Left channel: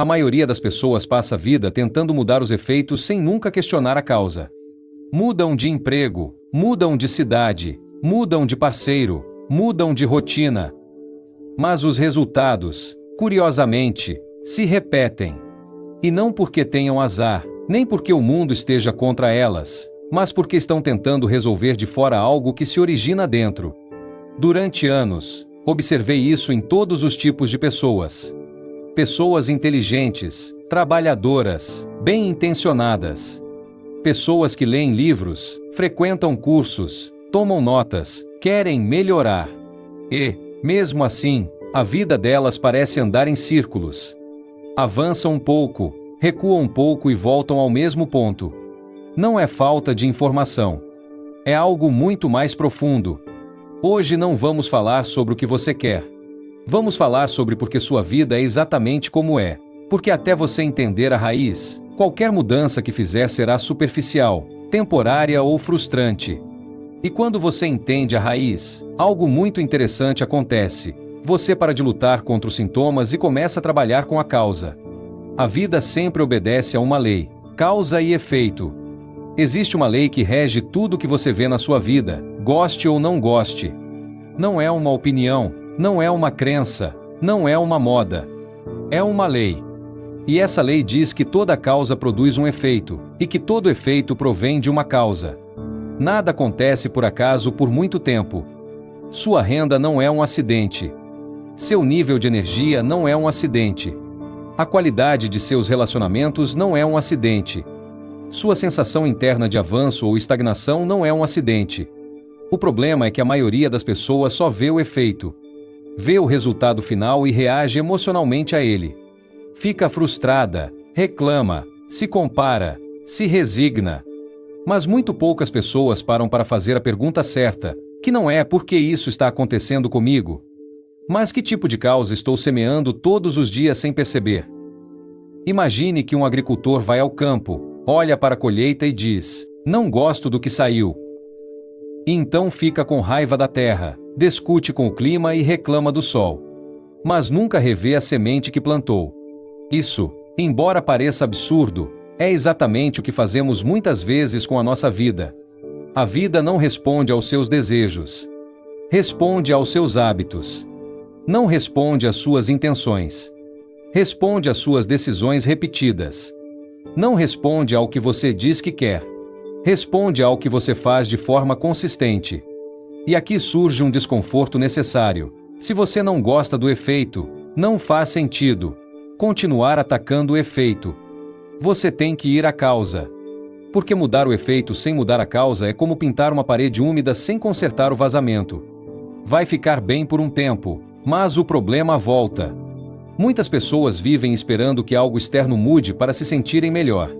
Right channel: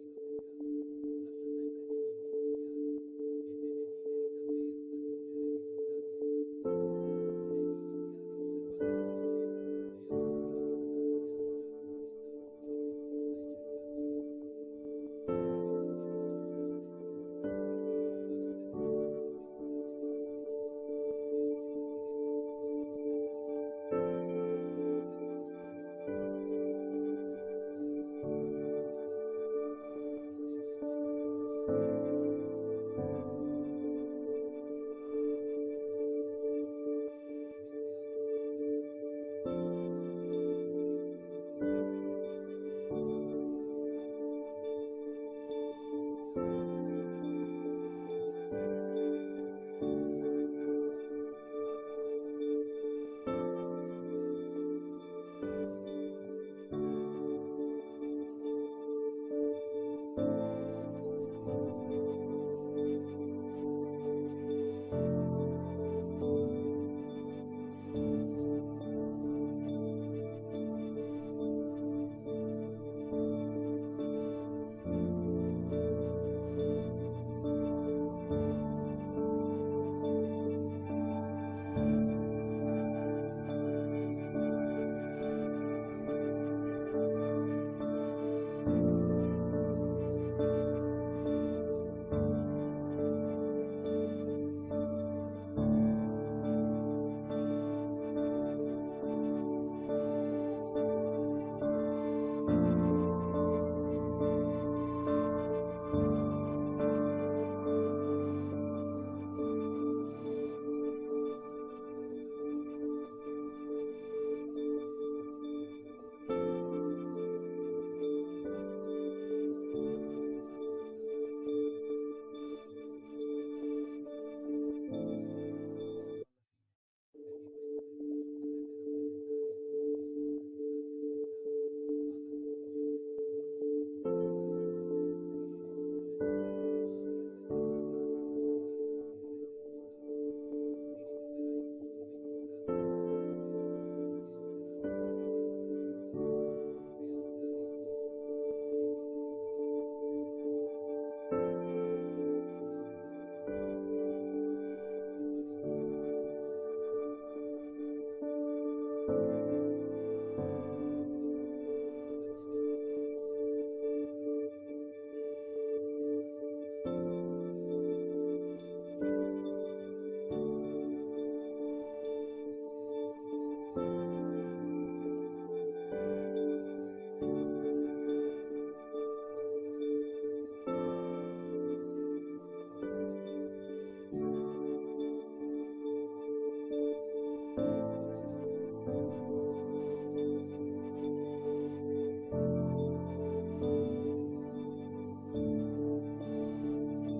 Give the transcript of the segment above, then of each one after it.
A maioria das pessoas passa a vida tentando mudar os efeitos sem nunca questionar a causa. Mudam de emprego, mudam de cidade, mudam de parceiro, mudam de rotina. Mas os resultados, curiosamente, se repetem. E não porque tenham azar, nem porque o mundo esteja contra elas, mas porque estão tentando resolver de fora algo que se origina dentro. Durante anos, observei isso em todos os tipos de pessoas. Pessoas inteligentes, trabalhadoras, bem-intencionadas. Pessoas que leem livros, frequentam cursos, tomam notas, querem melhorar. E, mesmo assim, a vida delas parece andar em círculos. Avançam um pouco, recuam um pouco e voltam ao mesmo ponto. Não é falta de informação. É algo muito mais profundo. Hoje não vamos falar sobre o que você quer. Vamos falar sobre porque sua vida é exatamente como é. Porque até você entender a raiz, qualquer mudança que fizer será superficial, temporária ou frustrante. E quando você entende a raiz, algo muito interessante acontece. Você para de lutar contra os sintomas e começa a trabalhar com a causa. A vida sempre obedece a uma lei, causa e efeito. Existe uma lei que rege tudo que você vê na sua vida, goste ou não goste. Não é uma opinião, não é uma crença, não é uma moda. É uma lei. E essa lei diz que toda causa produz um efeito, e que todo efeito provém de uma causa. Nada acontece por acaso por muito tempo. Sua renda não é um acidente. Seu nível de energia não é um acidente. A qualidade de seus relacionamentos não é um acidente. Sua sensação interna de avanço ou estagnação não é um acidente. O problema é que a maioria das pessoas só vê o efeito. Vê o resultado final e reage emocionalmente a ele. Fica frustrada, reclama, se compara, se resigna. Mas muito poucas pessoas param para fazer a pergunta certa, que não é por que isso está acontecendo comigo, mas que tipo de causa estou semeando todos os dias sem perceber. Imagine que um agricultor vai ao campo, olha para a colheita e diz: "Não gosto do que saiu." E então fica com raiva da terra, discute com o clima e reclama do sol. Mas nunca revê a semente que plantou. Isso, embora pareça absurdo, é exatamente o que fazemos muitas vezes com a nossa vida. A vida não responde aos seus desejos. Responde aos seus hábitos. Não responde às suas intenções. Responde às suas decisões repetidas. Não responde ao que você diz que quer. Responde ao que você faz de forma consistente. E aqui surge um desconforto necessário. Se você não gosta do efeito, não faz sentido continuar atacando o efeito. Você tem que ir à causa. Porque mudar o efeito sem mudar a causa é como pintar uma parede úmida sem consertar o vazamento. Vai ficar bem por um tempo, mas o problema volta. Muitas pessoas vivem esperando que algo externo mude para se sentirem melhor.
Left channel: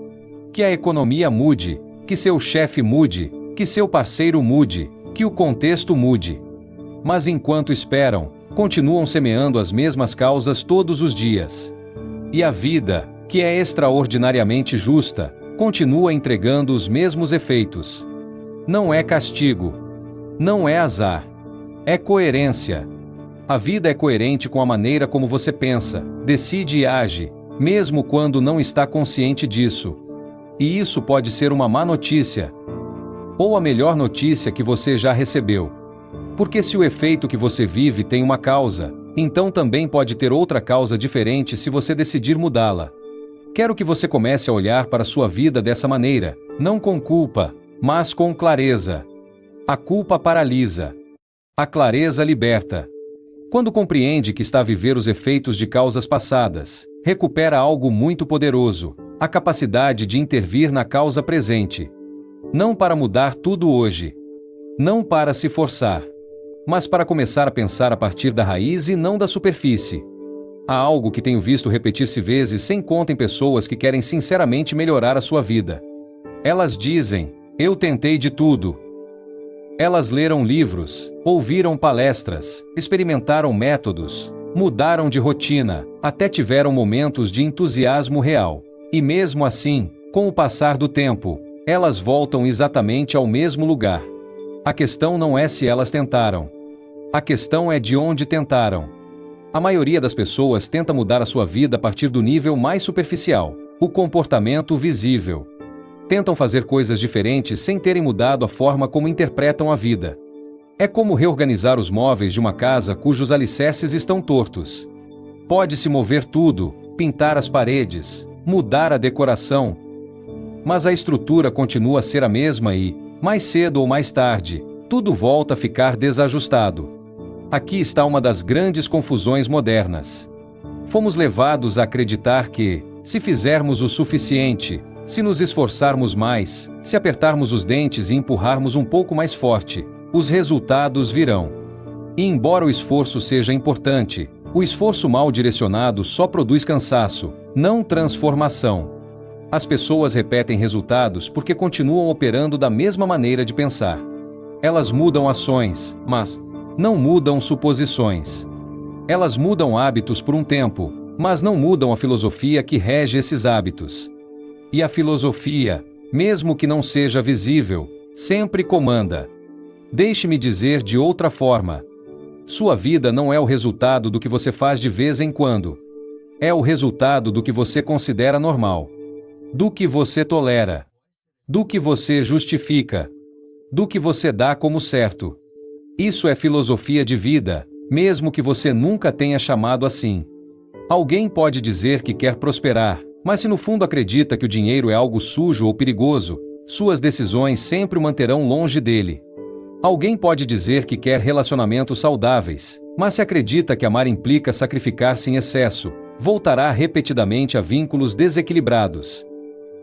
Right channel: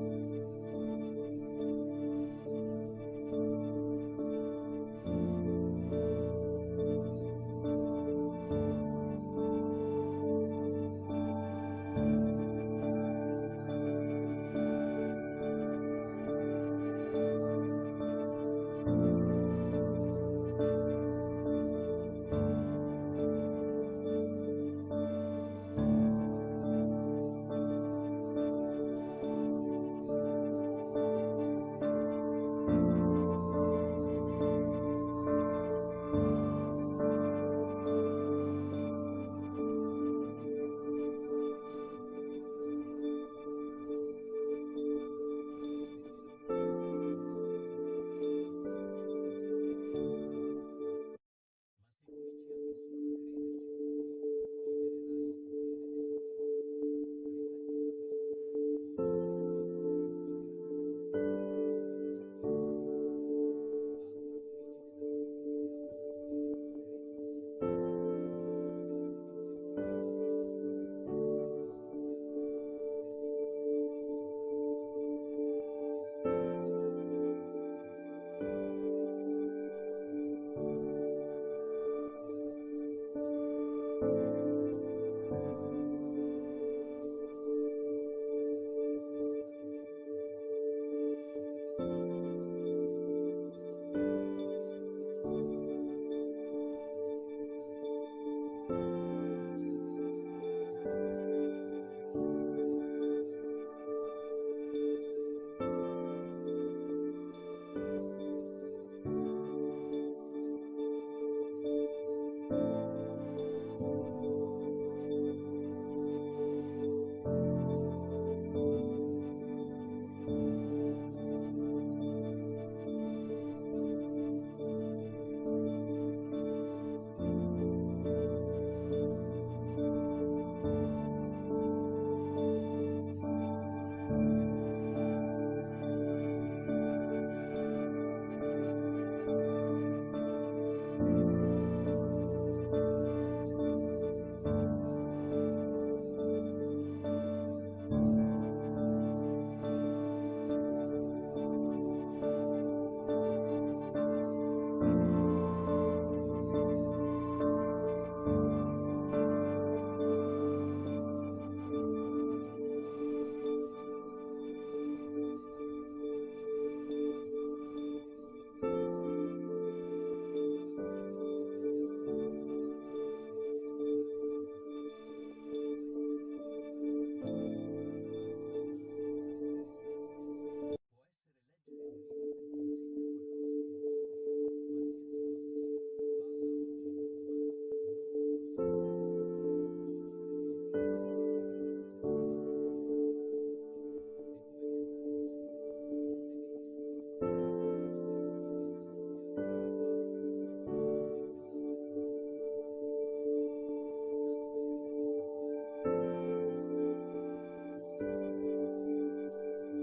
Que a economia mude, que seu chefe mude, que seu parceiro mude, que o contexto mude. Mas enquanto esperam, continuam semeando as mesmas causas todos os dias. E a vida, que é extraordinariamente justa, continua entregando os mesmos efeitos. Não é castigo. Não é azar. É coerência. A vida é coerente com a maneira como você pensa, decide e age, mesmo quando não está consciente disso. E isso pode ser uma má notícia. Ou a melhor notícia que você já recebeu. Porque se o efeito que você vive tem uma causa, então também pode ter outra causa diferente se você decidir mudá-la. Quero que você comece a olhar para a sua vida dessa maneira, não com culpa, mas com clareza. A culpa paralisa. A clareza liberta. Quando compreende que está a viver os efeitos de causas passadas, recupera algo muito poderoso, a capacidade de intervir na causa presente. Não para mudar tudo hoje. Não para se forçar. Mas para começar a pensar a partir da raiz e não da superfície. Há algo que tenho visto repetir-se vezes sem conta em pessoas que querem sinceramente melhorar a sua vida. Elas dizem: "Eu tentei de tudo." Elas leram livros, ouviram palestras, experimentaram métodos, mudaram de rotina, até tiveram momentos de entusiasmo real. E mesmo assim, com o passar do tempo, elas voltam exatamente ao mesmo lugar. A questão não é se elas tentaram. A questão é de onde tentaram. A maioria das pessoas tenta mudar a sua vida a partir do nível mais superficial, o comportamento visível. Tentam fazer coisas diferentes sem terem mudado a forma como interpretam a vida. É como reorganizar os móveis de uma casa cujos alicerces estão tortos. Pode-se mover tudo, pintar as paredes, mudar a decoração, mas a estrutura continua a ser a mesma e, mais cedo ou mais tarde, tudo volta a ficar desajustado. Aqui está uma das grandes confusões modernas. Fomos levados a acreditar que, se fizermos o suficiente, se nos esforçarmos mais, se apertarmos os dentes e empurrarmos um pouco mais forte, os resultados virão. E embora o esforço seja importante, o esforço mal direcionado só produz cansaço, não transformação. As pessoas repetem resultados porque continuam operando da mesma maneira de pensar. Elas mudam ações, mas não mudam suposições. Elas mudam hábitos por um tempo, mas não mudam a filosofia que rege esses hábitos. E a filosofia, mesmo que não seja visível, sempre comanda. Deixe-me dizer de outra forma. Sua vida não é o resultado do que você faz de vez em quando. É o resultado do que você considera normal. Do que você tolera. Do que você justifica. Do que você dá como certo. Isso é filosofia de vida, mesmo que você nunca tenha chamado assim. Alguém pode dizer que quer prosperar, mas se no fundo acredita que o dinheiro é algo sujo ou perigoso, suas decisões sempre o manterão longe dele. Alguém pode dizer que quer relacionamentos saudáveis, mas se acredita que amar implica sacrificar-se em excesso, voltará repetidamente a vínculos desequilibrados.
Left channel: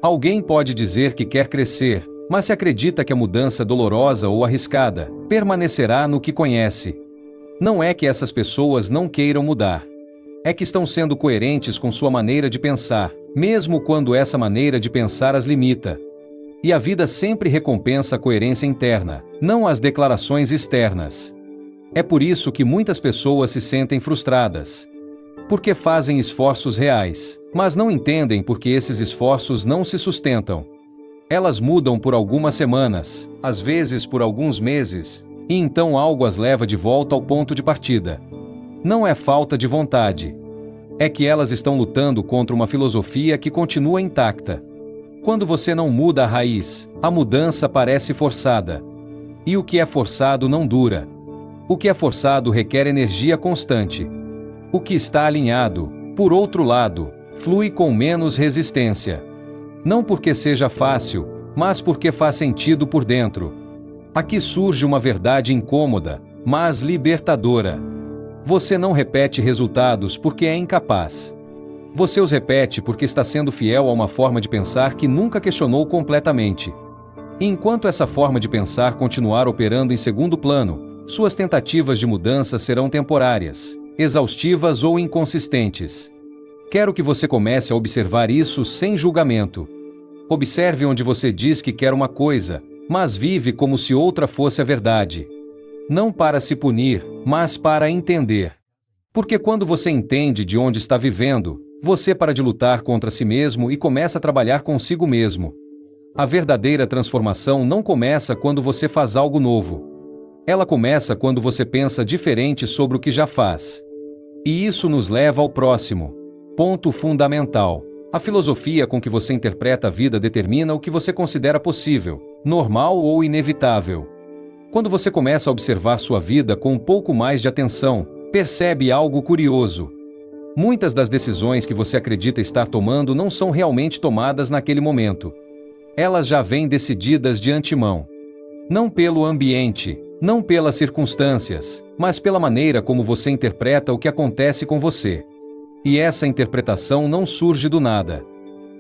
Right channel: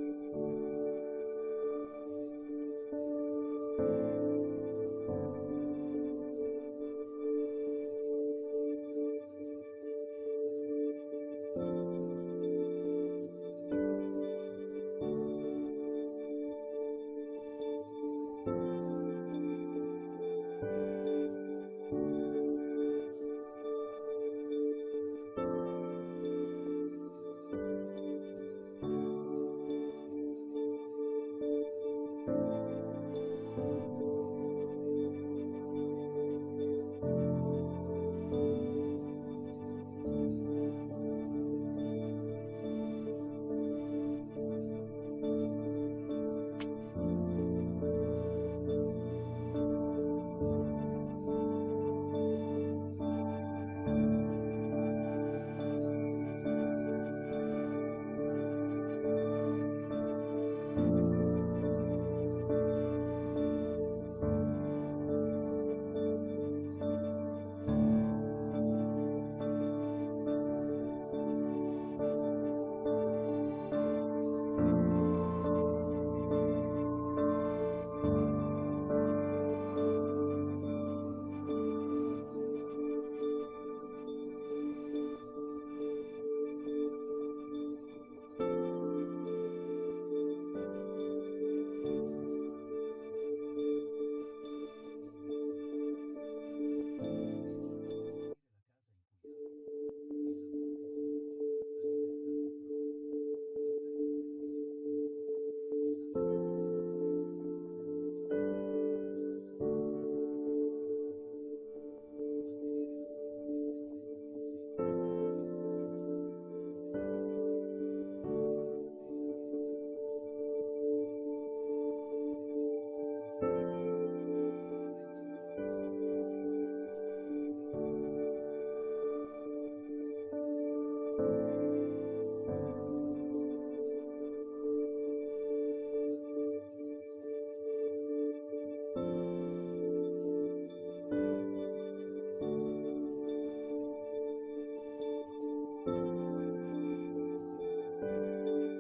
Alguém pode dizer que quer crescer, mas se acredita que a mudança é dolorosa ou arriscada, permanecerá no que conhece. Não é que essas pessoas não queiram mudar. É que estão sendo coerentes com sua maneira de pensar, mesmo quando essa maneira de pensar as limita. E a vida sempre recompensa a coerência interna, não as declarações externas. É por isso que muitas pessoas se sentem frustradas. Porque fazem esforços reais, mas não entendem porque esses esforços não se sustentam. Elas mudam por algumas semanas, às vezes por alguns meses, e então algo as leva de volta ao ponto de partida. Não é falta de vontade. É que elas estão lutando contra uma filosofia que continua intacta. Quando você não muda a raiz, a mudança parece forçada. E o que é forçado não dura. O que é forçado requer energia constante. O que está alinhado, por outro lado, flui com menos resistência. Não porque seja fácil, mas porque faz sentido por dentro. Aqui surge uma verdade incômoda, mas libertadora. Você não repete resultados porque é incapaz. Você os repete porque está sendo fiel a uma forma de pensar que nunca questionou completamente. E enquanto essa forma de pensar continuar operando em segundo plano, suas tentativas de mudança serão temporárias, exaustivas ou inconsistentes. Quero que você comece a observar isso sem julgamento. Observe onde você diz que quer uma coisa, mas vive como se outra fosse a verdade. Não para se punir, mas para entender. Porque quando você entende de onde está vivendo, você para de lutar contra si mesmo e começa a trabalhar consigo mesmo. A verdadeira transformação não começa quando você faz algo novo. Ela começa quando você pensa diferente sobre o que já faz. E isso nos leva ao próximo ponto fundamental. A filosofia com que você interpreta a vida determina o que você considera possível, normal ou inevitável. Quando você começa a observar sua vida com um pouco mais de atenção, percebe algo curioso. Muitas das decisões que você acredita estar tomando não são realmente tomadas naquele momento. Elas já vêm decididas de antemão. Não pelo ambiente, não pelas circunstâncias, mas pela maneira como você interpreta o que acontece com você. E essa interpretação não surge do nada.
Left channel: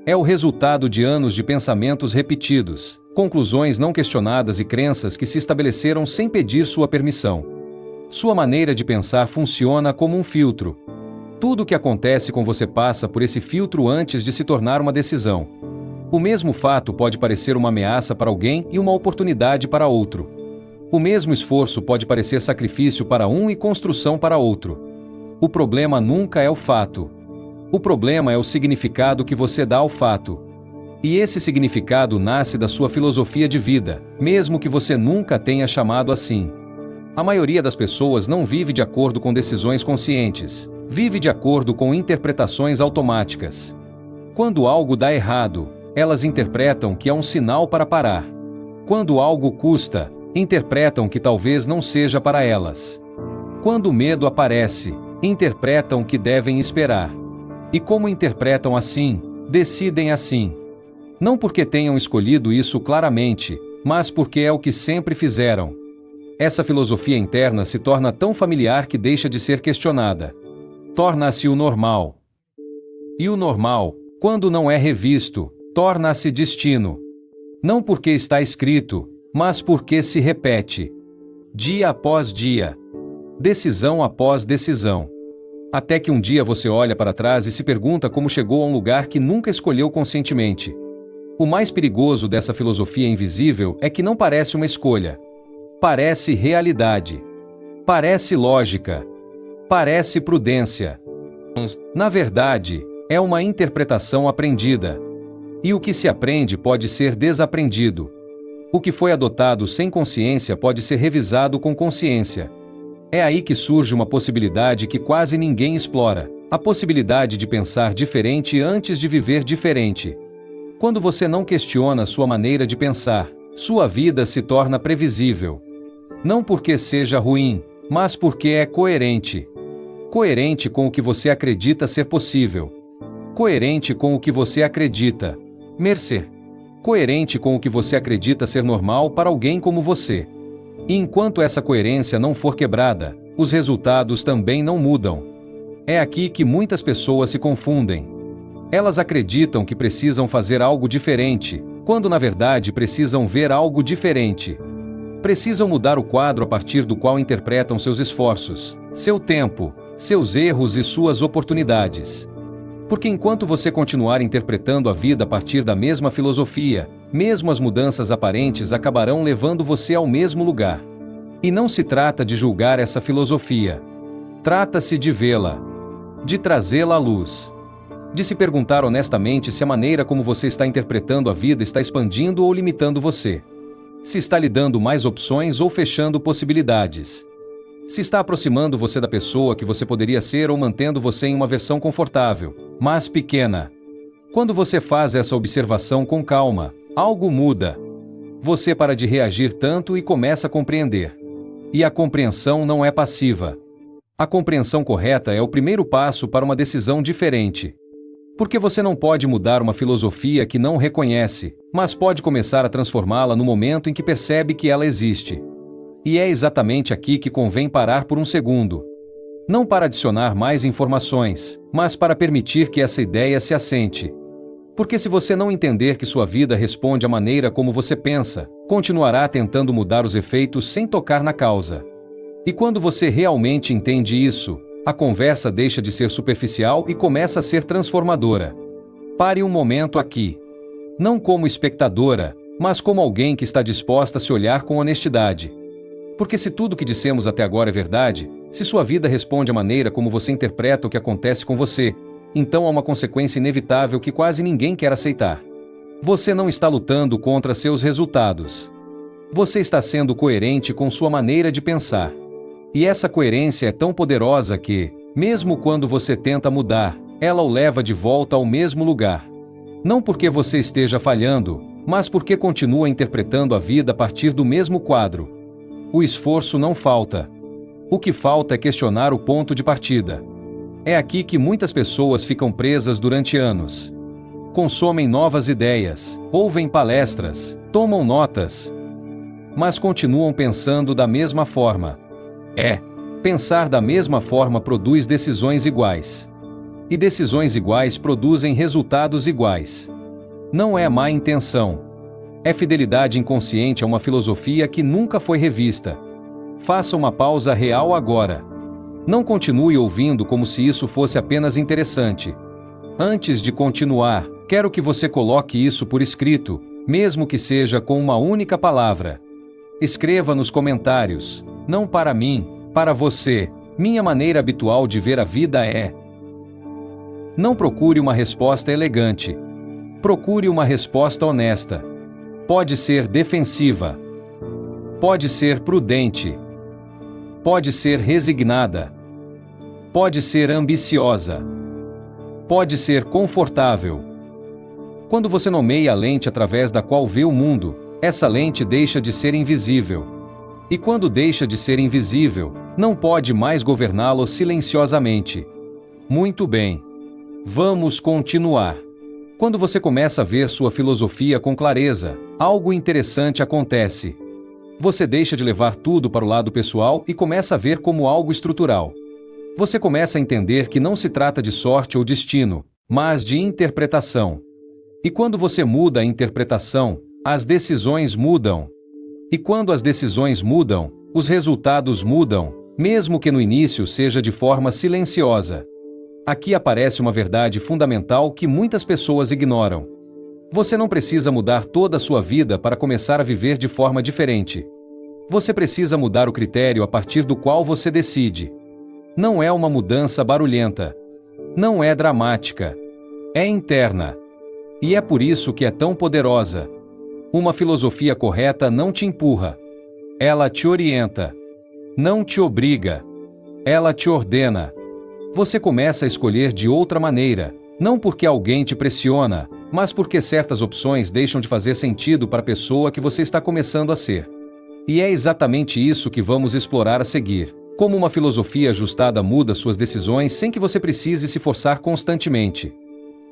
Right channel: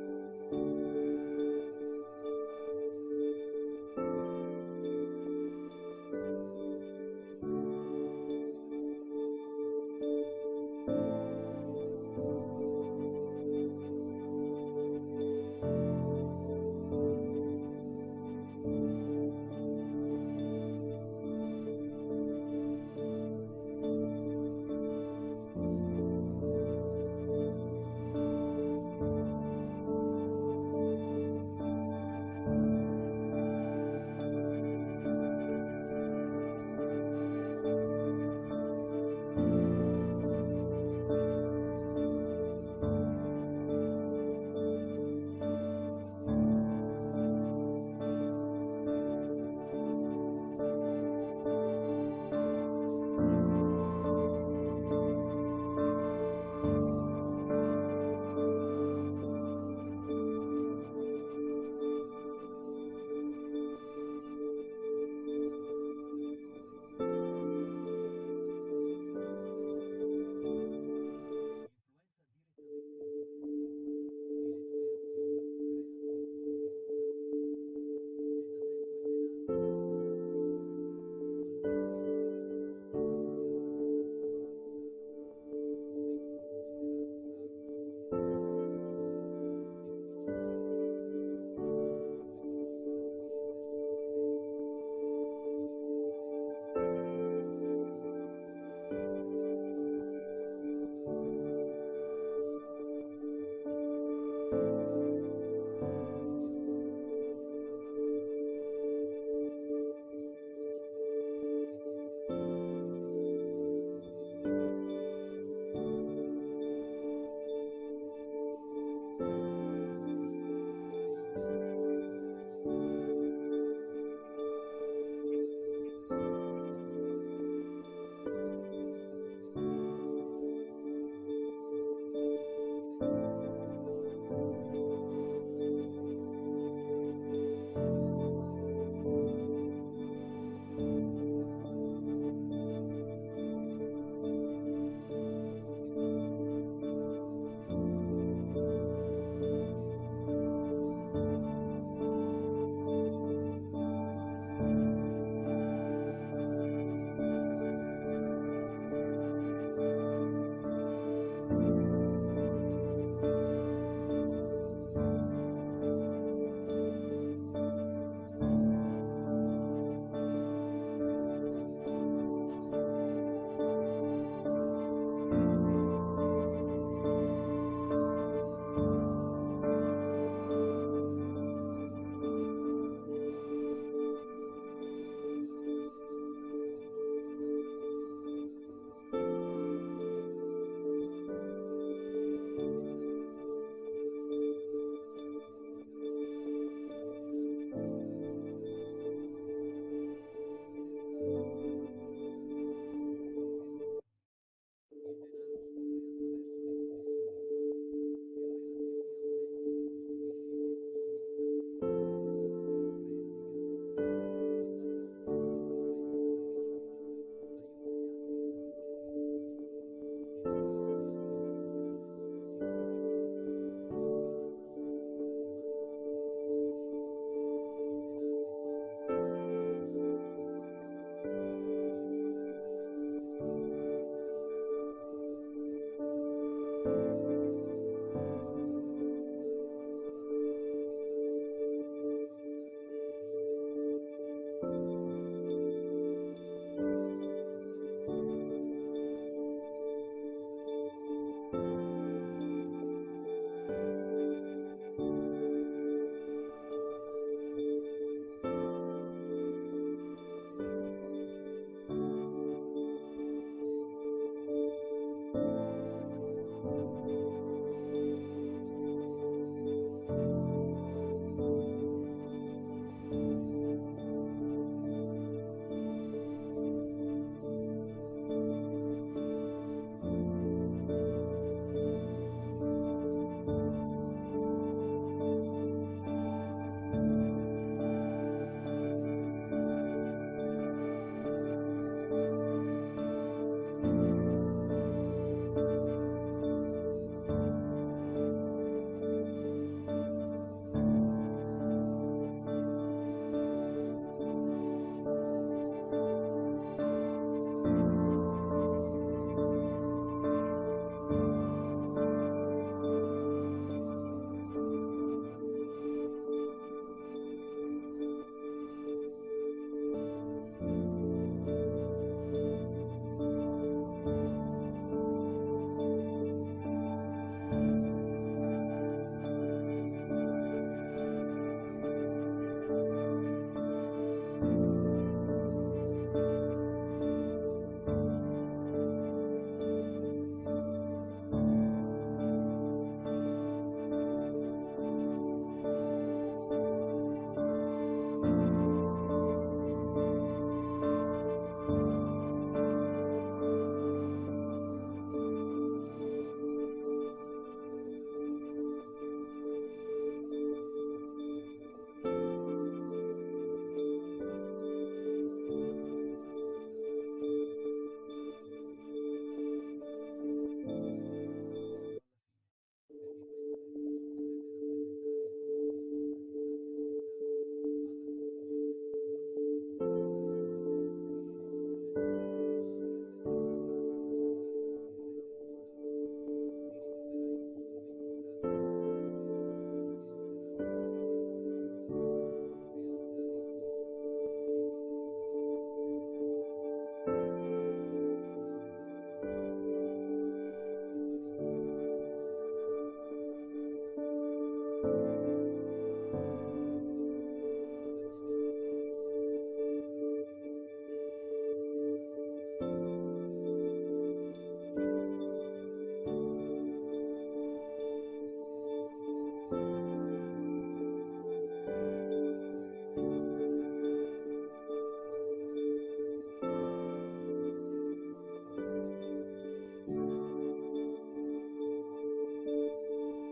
É o resultado de anos de pensamentos repetidos, conclusões não questionadas e crenças que se estabeleceram sem pedir sua permissão. Sua maneira de pensar funciona como um filtro. Tudo o que acontece com você passa por esse filtro antes de se tornar uma decisão. O mesmo fato pode parecer uma ameaça para alguém e uma oportunidade para outro. O mesmo esforço pode parecer sacrifício para um e construção para outro. O problema nunca é o fato. O problema é o significado que você dá ao fato. E esse significado nasce da sua filosofia de vida, mesmo que você nunca tenha chamado assim. A maioria das pessoas não vive de acordo com decisões conscientes, vive de acordo com interpretações automáticas. Quando algo dá errado, elas interpretam que é um sinal para parar. Quando algo custa, interpretam que talvez não seja para elas. Quando o medo aparece, interpretam que devem esperar. E como interpretam assim, decidem assim. Não porque tenham escolhido isso claramente, mas porque é o que sempre fizeram. Essa filosofia interna se torna tão familiar que deixa de ser questionada. Torna-se o normal. E o normal, quando não é revisto, torna-se destino. Não porque está escrito, mas porque se repete. Dia após dia. Decisão após decisão. Até que um dia você olha para trás e se pergunta como chegou a um lugar que nunca escolheu conscientemente. O mais perigoso dessa filosofia invisível é que não parece uma escolha. Parece realidade. Parece lógica. Parece prudência. Na verdade, é uma interpretação aprendida. E o que se aprende pode ser desaprendido. O que foi adotado sem consciência pode ser revisado com consciência. É aí que surge uma possibilidade que quase ninguém explora: a possibilidade de pensar diferente antes de viver diferente. Quando você não questiona sua maneira de pensar, sua vida se torna previsível. Não porque seja ruim, mas porque é coerente. Coerente com o que você acredita ser possível. Coerente com o que você acredita merecer. Coerente com o que você acredita ser normal para alguém como você. E enquanto essa coerência não for quebrada, os resultados também não mudam. É aqui que muitas pessoas se confundem. Elas acreditam que precisam fazer algo diferente, quando na verdade precisam ver algo diferente. Precisam mudar o quadro a partir do qual interpretam seus esforços, seu tempo, seus erros e suas oportunidades. Porque enquanto você continuar interpretando a vida a partir da mesma filosofia, mesmo as mudanças aparentes acabarão levando você ao mesmo lugar. E não se trata de julgar essa filosofia. Trata-se de vê-la, de trazê-la à luz, de se perguntar honestamente se a maneira como você está interpretando a vida está expandindo ou limitando você. Se está lhe dando mais opções ou fechando possibilidades. Se está aproximando você da pessoa que você poderia ser ou mantendo você em uma versão confortável, mas pequena. Quando você faz essa observação com calma, algo muda. Você para de reagir tanto e começa a compreender. E a compreensão não é passiva. A compreensão correta é o primeiro passo para uma decisão diferente. Porque você não pode mudar uma filosofia que não reconhece, mas pode começar a transformá-la no momento em que percebe que ela existe. E é exatamente aqui que convém parar por um segundo. Não para adicionar mais informações, mas para permitir que essa ideia se assente. Porque se você não entender que sua vida responde à maneira como você pensa, continuará tentando mudar os efeitos sem tocar na causa. E quando você realmente entende isso, a conversa deixa de ser superficial e começa a ser transformadora. Pare um momento aqui. Não como espectadora, mas como alguém que está disposta a se olhar com honestidade. Porque se tudo o que dissemos até agora é verdade, se sua vida responde à maneira como você interpreta o que acontece com você, então há uma consequência inevitável que quase ninguém quer aceitar. Você não está lutando contra seus resultados. Você está sendo coerente com sua maneira de pensar. E essa coerência é tão poderosa que, mesmo quando você tenta mudar, ela o leva de volta ao mesmo lugar. Não porque você esteja falhando, mas porque continua interpretando a vida a partir do mesmo quadro. O esforço não falta. O que falta é questionar o ponto de partida. É aqui que muitas pessoas ficam presas durante anos. Consomem novas ideias, ouvem palestras, tomam notas, mas continuam pensando da mesma forma. Pensar da mesma forma produz decisões iguais. E decisões iguais produzem resultados iguais. Não é má intenção. É fidelidade inconsciente a uma filosofia que nunca foi revista. Faça uma pausa real agora. Não continue ouvindo como se isso fosse apenas interessante. Antes de continuar, quero que você coloque isso por escrito, mesmo que seja com uma única palavra. Escreva nos comentários: não para mim, para você. Minha maneira habitual de ver a vida é. Não procure uma resposta elegante. Procure uma resposta honesta. Pode ser defensiva. Pode ser prudente. pode ser resignada, pode ser ambiciosa, pode ser confortável. Quando você nomeia a lente através da qual vê o mundo, essa lente deixa de ser invisível. E quando deixa de ser invisível, não pode mais governá-lo silenciosamente. Muito bem. Vamos continuar. Quando você começa a ver sua filosofia com clareza, algo interessante acontece. Você deixa de levar tudo para o lado pessoal e começa a ver como algo estrutural. Você começa a entender que não se trata de sorte ou destino, mas de interpretação. E quando você muda a interpretação, as decisões mudam. E quando as decisões mudam, os resultados mudam, mesmo que no início seja de forma silenciosa. Aqui aparece uma verdade fundamental que muitas pessoas ignoram. Você não precisa mudar toda a sua vida para começar a viver de forma diferente. Você precisa mudar o critério a partir do qual você decide. Não é uma mudança barulhenta. Não é dramática. É interna. E é por isso que é tão poderosa. Uma filosofia correta não te empurra. Ela te orienta. Não te obriga. Ela te ordena. Você começa a escolher de outra maneira, não porque alguém te pressiona, mas porque certas opções deixam de fazer sentido para a pessoa que você está começando a ser. E é exatamente isso que vamos explorar a seguir. Como uma filosofia ajustada muda suas decisões sem que você precise se forçar constantemente.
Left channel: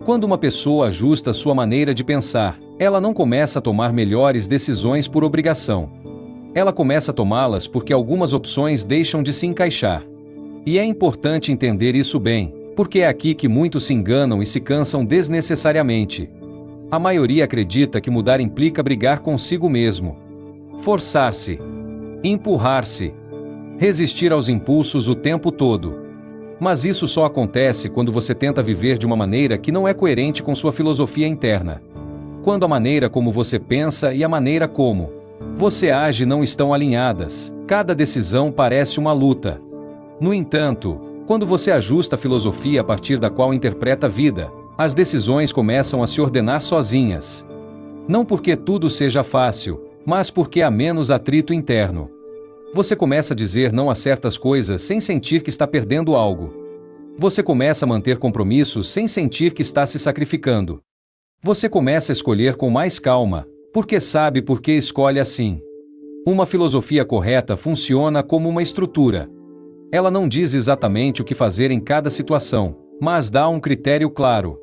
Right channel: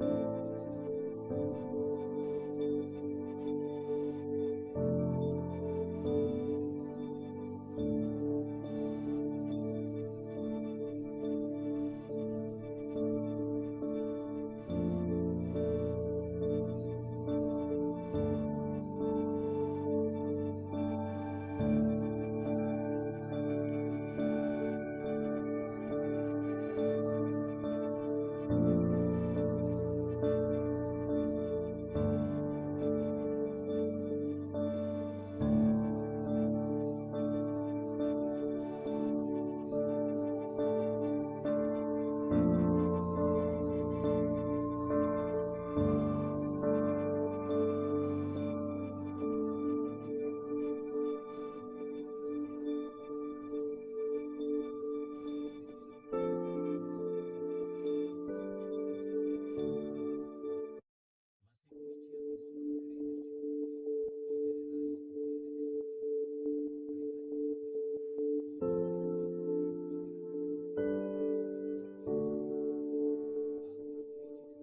Quando uma pessoa ajusta sua maneira de pensar, ela não começa a tomar melhores decisões por obrigação. Ela começa a tomá-las porque algumas opções deixam de se encaixar. E é importante entender isso bem, porque é aqui que muitos se enganam e se cansam desnecessariamente. A maioria acredita que mudar implica brigar consigo mesmo, forçar-se, empurrar-se, resistir aos impulsos o tempo todo. Mas isso só acontece quando você tenta viver de uma maneira que não é coerente com sua filosofia interna. Quando a maneira como você pensa e a maneira como você age não estão alinhadas, cada decisão parece uma luta. No entanto, quando você ajusta a filosofia a partir da qual interpreta a vida, as decisões começam a se ordenar sozinhas. Não porque tudo seja fácil, mas porque há menos atrito interno. Você começa a dizer não a certas coisas sem sentir que está perdendo algo. Você começa a manter compromissos sem sentir que está se sacrificando. Você começa a escolher com mais calma, porque sabe por que escolhe assim. Uma filosofia correta funciona como uma estrutura. Ela não diz exatamente o que fazer em cada situação, mas dá um critério claro.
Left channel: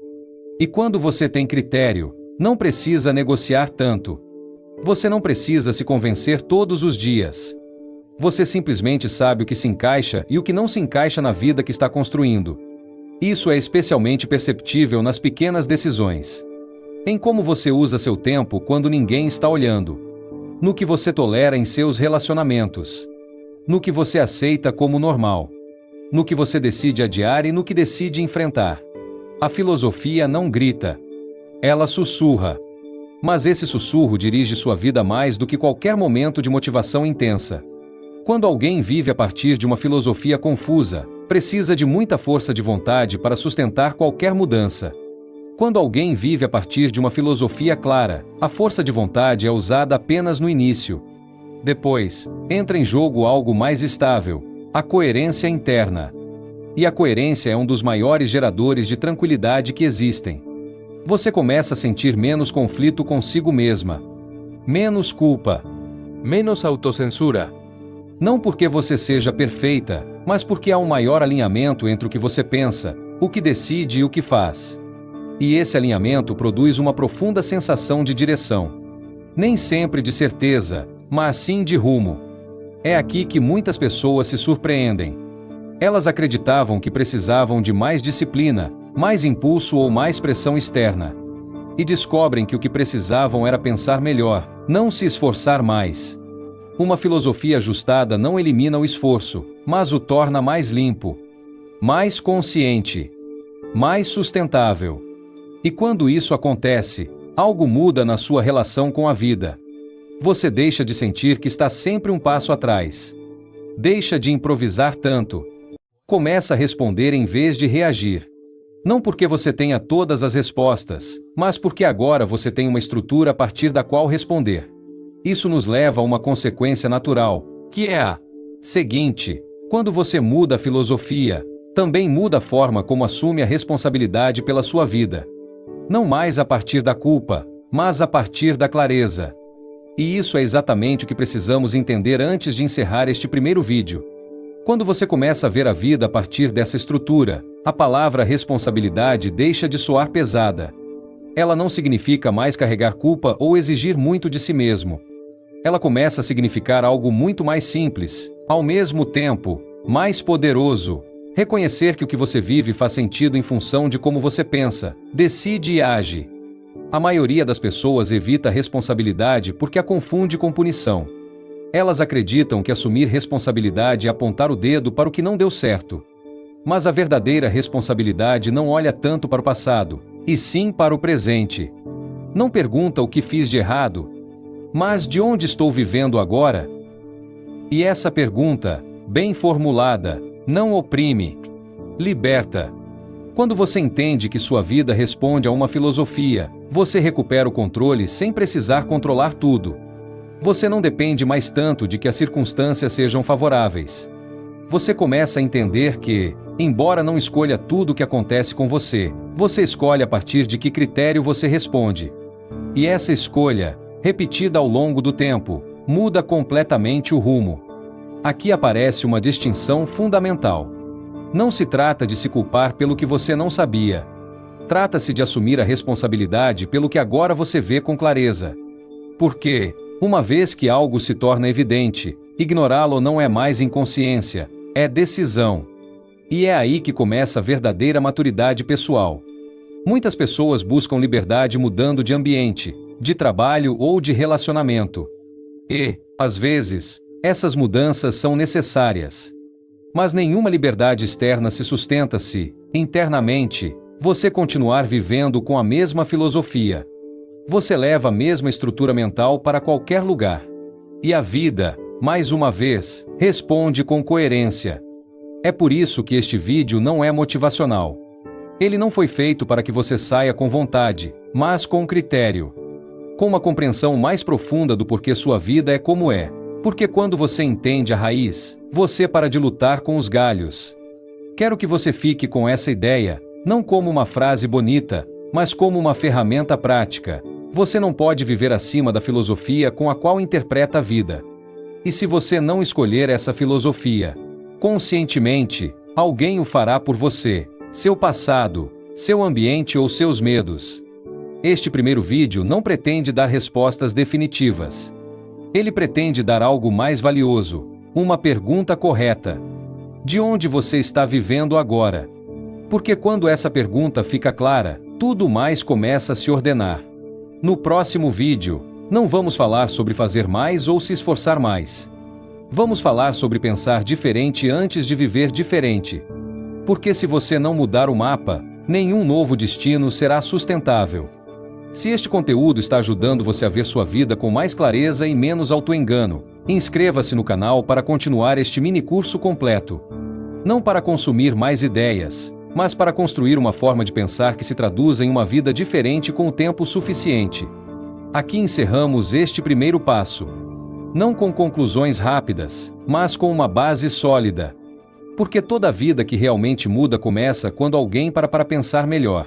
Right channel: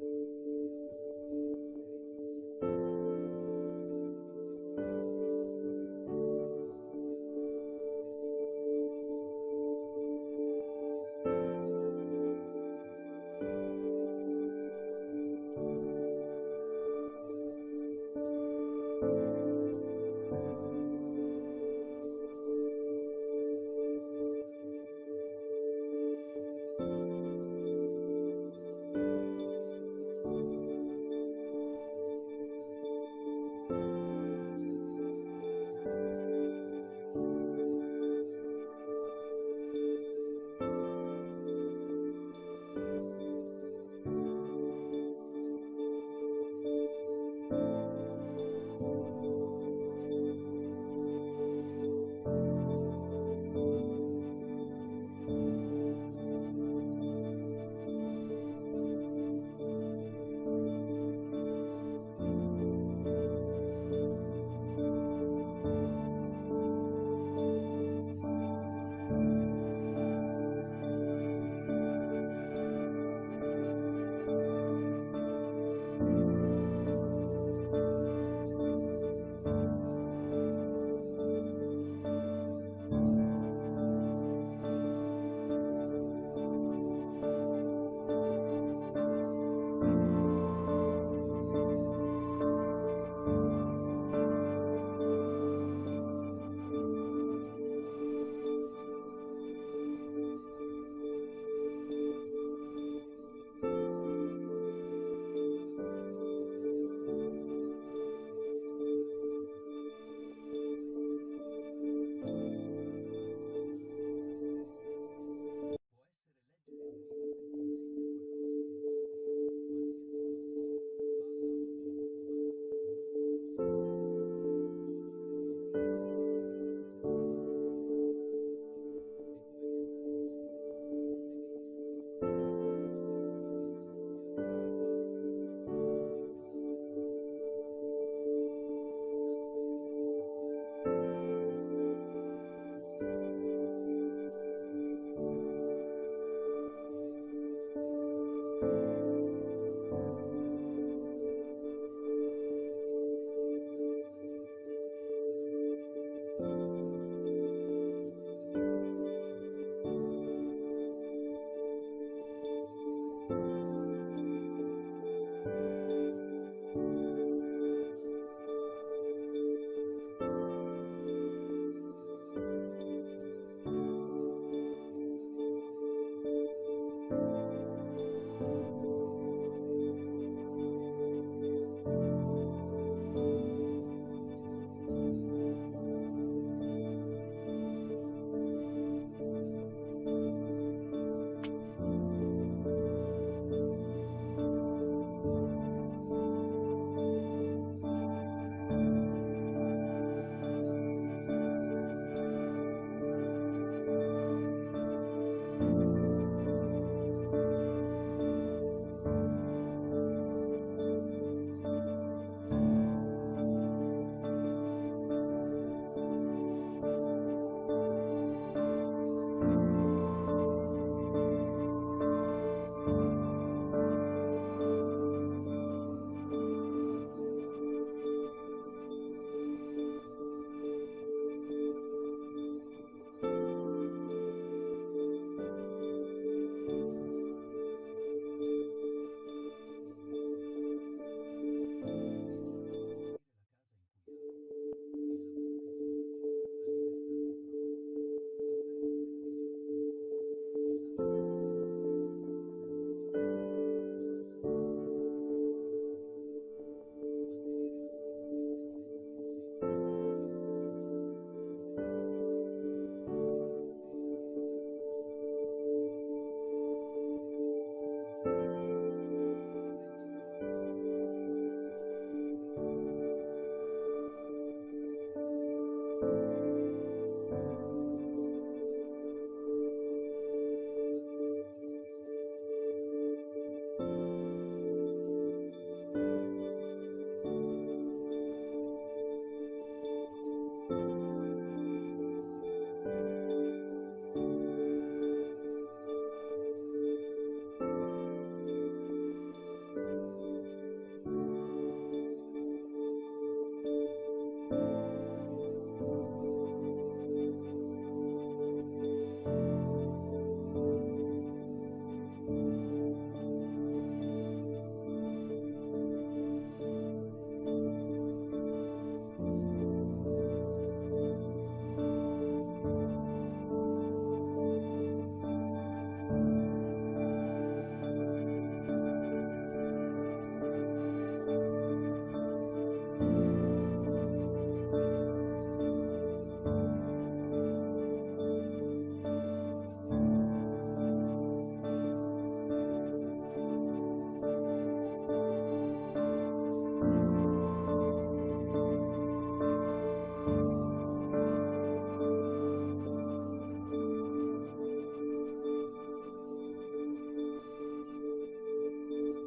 E quando você tem critério, não precisa negociar tanto. Você não precisa se convencer todos os dias. Você simplesmente sabe o que se encaixa e o que não se encaixa na vida que está construindo. Isso é especialmente perceptível nas pequenas decisões. Em como você usa seu tempo quando ninguém está olhando. No que você tolera em seus relacionamentos. No que você aceita como normal. No que você decide adiar e no que decide enfrentar. A filosofia não grita. Ela sussurra. Mas esse sussurro dirige sua vida mais do que qualquer momento de motivação intensa. Quando alguém vive a partir de uma filosofia confusa, precisa de muita força de vontade para sustentar qualquer mudança. Quando alguém vive a partir de uma filosofia clara, a força de vontade é usada apenas no início. Depois, entra em jogo algo mais estável, a coerência interna. E a coerência é um dos maiores geradores de tranquilidade que existem. Você começa a sentir menos conflito consigo mesma, menos culpa, menos autocensura. Não porque você seja perfeita, mas porque há um maior alinhamento entre o que você pensa, o que decide e o que faz. E esse alinhamento produz uma profunda sensação de direção. Nem sempre de certeza, mas sim de rumo. É aqui que muitas pessoas se surpreendem. Elas acreditavam que precisavam de mais disciplina, mais impulso ou mais pressão externa. E descobrem que o que precisavam era pensar melhor, não se esforçar mais. Uma filosofia ajustada não elimina o esforço, mas o torna mais limpo, mais consciente, mais sustentável. E quando isso acontece, algo muda na sua relação com a vida. Você deixa de sentir que está sempre um passo atrás. Deixa de improvisar tanto. Começa a responder em vez de reagir. Não porque você tenha todas as respostas, mas porque agora você tem uma estrutura a partir da qual responder. Isso nos leva a uma consequência natural, que é a seguinte: Quando você muda a filosofia, também muda a forma como assume a responsabilidade pela sua vida. Não mais a partir da culpa, mas a partir da clareza. E isso é exatamente o que precisamos entender antes de encerrar este primeiro vídeo. Quando você começa a ver a vida a partir dessa estrutura, a palavra responsabilidade deixa de soar pesada. Ela não significa mais carregar culpa ou exigir muito de si mesmo. Ela começa a significar algo muito mais simples, ao mesmo tempo, mais poderoso. Reconhecer que o que você vive faz sentido em função de como você pensa, decide e age. A maioria das pessoas evita a responsabilidade porque a confunde com punição. Elas acreditam que assumir responsabilidade é apontar o dedo para o que não deu certo. Mas a verdadeira responsabilidade não olha tanto para o passado, e sim para o presente. Não pergunta o que fiz de errado, mas de onde estou vivendo agora? E essa pergunta, bem formulada, não oprime, liberta. Quando você entende que sua vida responde a uma filosofia, você recupera o controle sem precisar controlar tudo. Você não depende mais tanto de que as circunstâncias sejam favoráveis. Você começa a entender que, embora não escolha tudo o que acontece com você, você escolhe a partir de que critério você responde. E essa escolha, repetida ao longo do tempo, muda completamente o rumo. Aqui aparece uma distinção fundamental. Não se trata de se culpar pelo que você não sabia. Trata-se de assumir a responsabilidade pelo que agora você vê com clareza. Porque, uma vez que algo se torna evidente, ignorá-lo não é mais inconsciência, é decisão. E é aí que começa a verdadeira maturidade pessoal. Muitas pessoas buscam liberdade mudando de ambiente, de trabalho ou de relacionamento. E, às vezes, essas mudanças são necessárias. Mas nenhuma liberdade externa se sustenta se, internamente, você continuar vivendo com a mesma filosofia. Você leva a mesma estrutura mental para qualquer lugar. E a vida, mais uma vez, responde com coerência. É por isso que este vídeo não é motivacional. Ele não foi feito para que você saia com vontade, mas com critério. Com uma compreensão mais profunda do porquê sua vida é como é. Porque quando você entende a raiz, você para de lutar com os galhos. Quero que você fique com essa ideia, não como uma frase bonita, mas como uma ferramenta prática. Você não pode viver acima da filosofia com a qual interpreta a vida. E se você não escolher essa filosofia, conscientemente, alguém o fará por você, seu passado, seu ambiente ou seus medos. Este primeiro vídeo não pretende dar respostas definitivas. Ele pretende dar algo mais valioso, uma pergunta correta. De onde você está vivendo agora? Porque quando essa pergunta fica clara, tudo mais começa a se ordenar. No próximo vídeo, não vamos falar sobre fazer mais ou se esforçar mais. Vamos falar sobre pensar diferente antes de viver diferente. Porque se você não mudar o mapa, nenhum novo destino será sustentável. Se este conteúdo está ajudando você a ver sua vida com mais clareza e menos autoengano, inscreva-se no canal para continuar este mini curso completo. Não para consumir mais ideias, mas para construir uma forma de pensar que se traduza em uma vida diferente com o tempo suficiente. Aqui encerramos este primeiro passo. Não com conclusões rápidas, mas com uma base sólida. Porque toda vida que realmente muda começa quando alguém para pensar melhor.